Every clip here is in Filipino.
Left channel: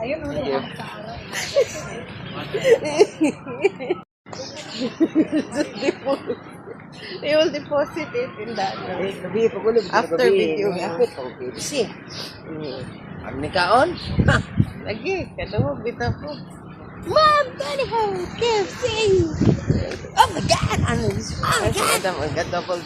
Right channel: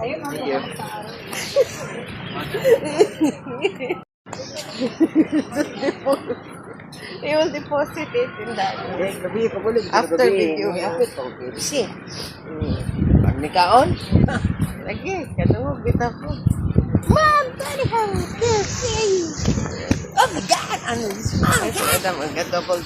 Ayun, They will deposit it in that. After video. See. Ang nikaon? Lagi, katawag kita po. Mom, Daddy, home, kissing. Oh my God! Ano this? Double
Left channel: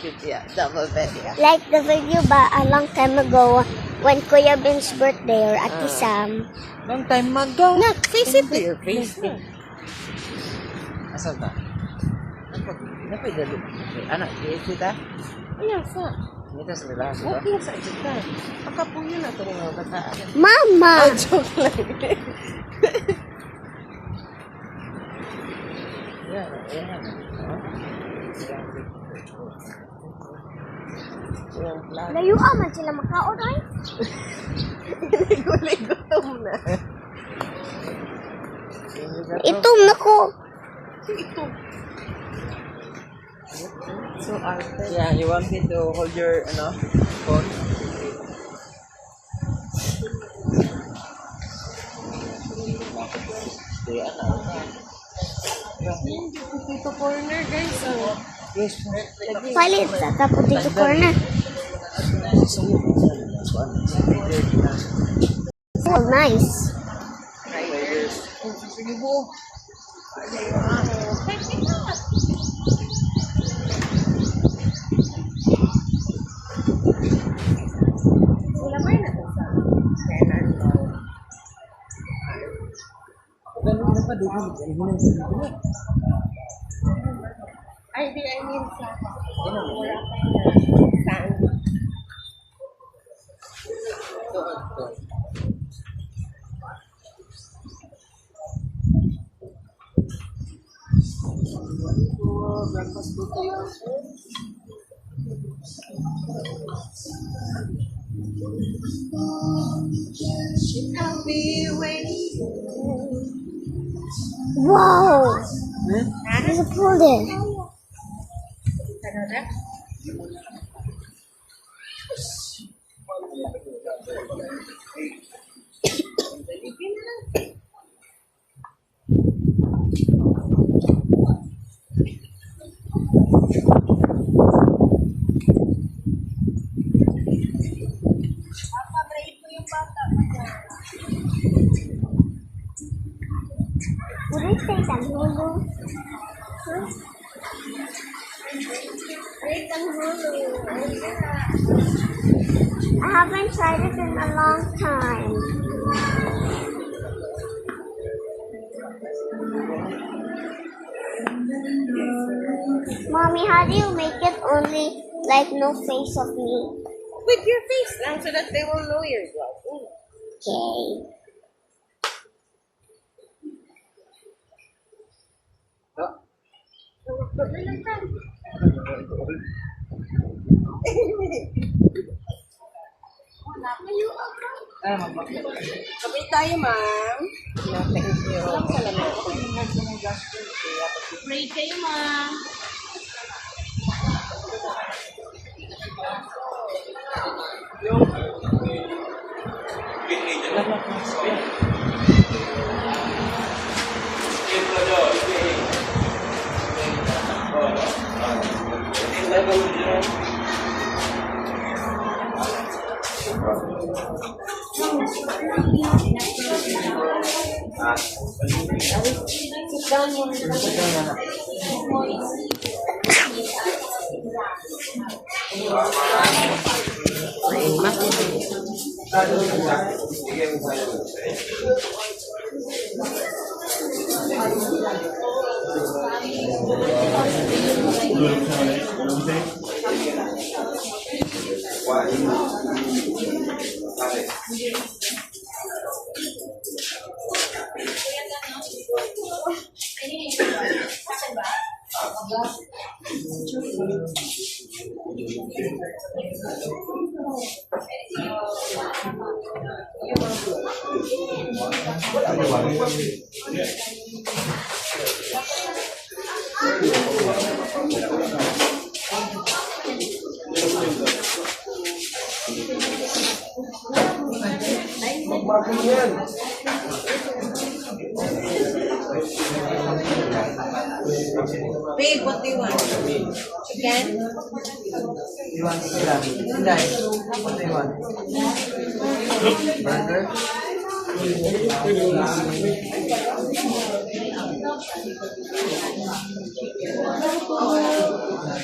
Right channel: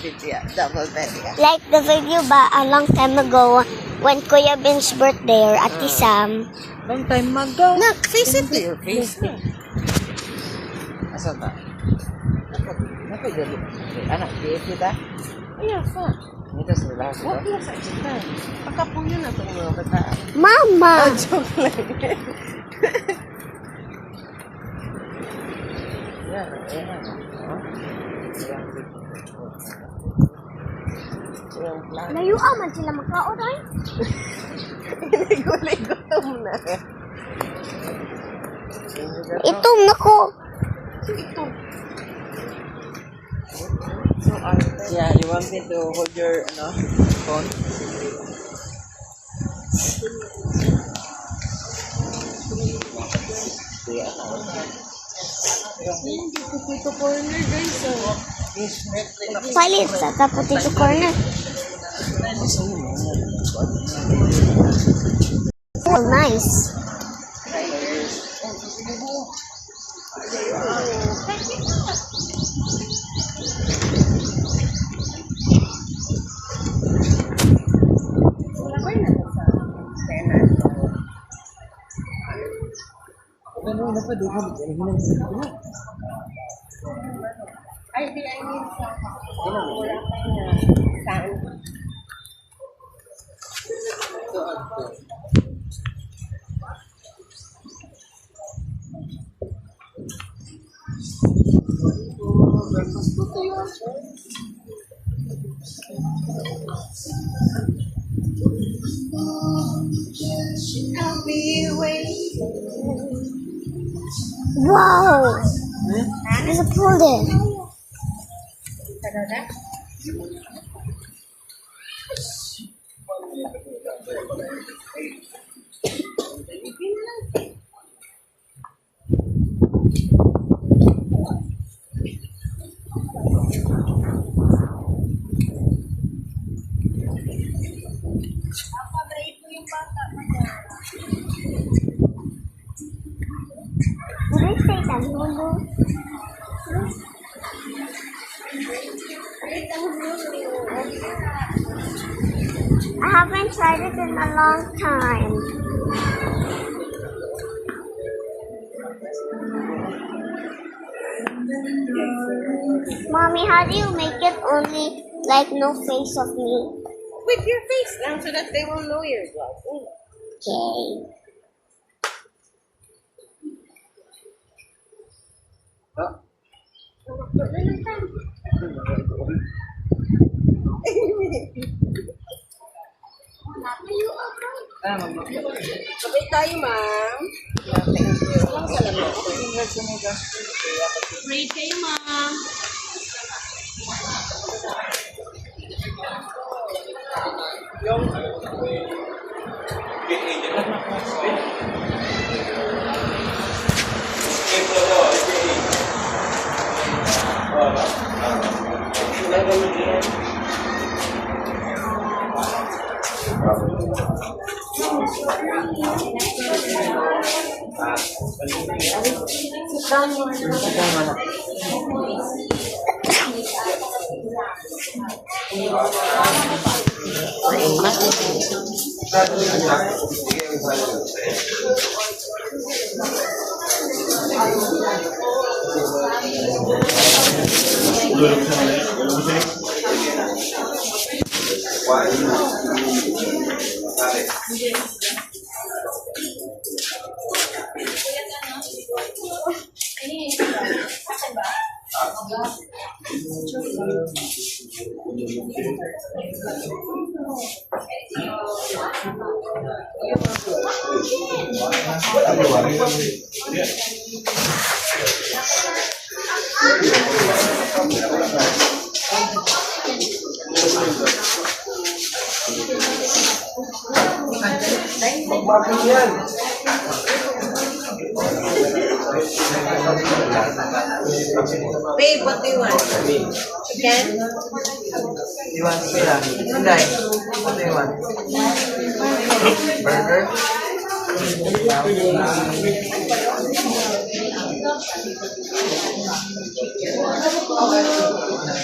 bed, yeah. Double bed, yeah. Like the video ba a long time ago when Kuya Ben's birthday or Ate Sam. Long time man daw. Look, face it there. Face it. Asa ba? Napay anak, di kita? Yes, sir. Ito sa nila. What is it? Pagkapuyo na ito ng mga bataan. Mama! Joke lang. Layo man sila makaon ay. Ligo-ligo na. Itom na ko. Ito. Yeah, you want me to hold your phone? Dito corner guys. So, Palit sa potato corner. Oh, nice. wala ba yun na sa tenant? Ganun na pa, di ko Ay, di, I mean sa wala pa saan? I'll be waiting. Wow! There's a pool there. Would I say Tanghulu? I haven't tried it in a long time. Mommy, how do you make it only like no face of me? With your face lang so that they will know you're vlogging. Okay. Kapit tayo, ma'am. Thank you. Pray kayo, ma'am. Babe, what do you want? Chicken? You want pila? Inday, what do you want? Burger?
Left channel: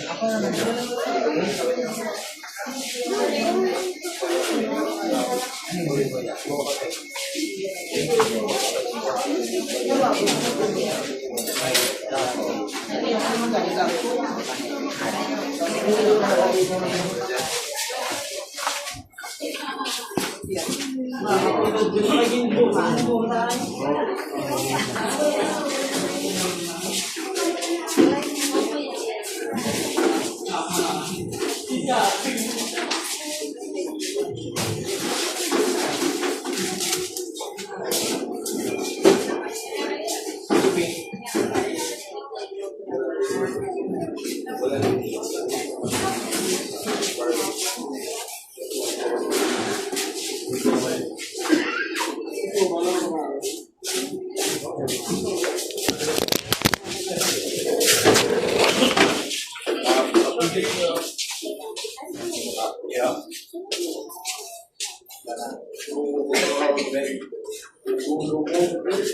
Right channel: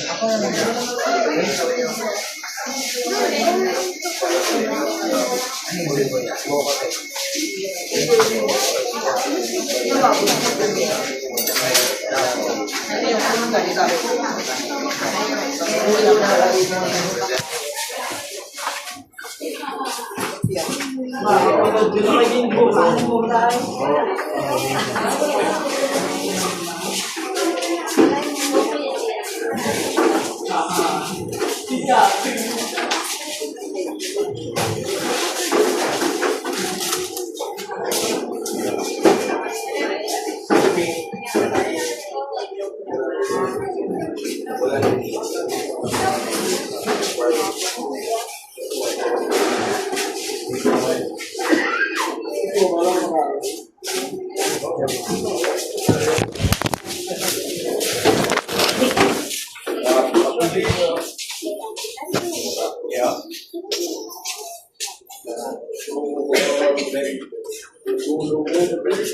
Ako na lang.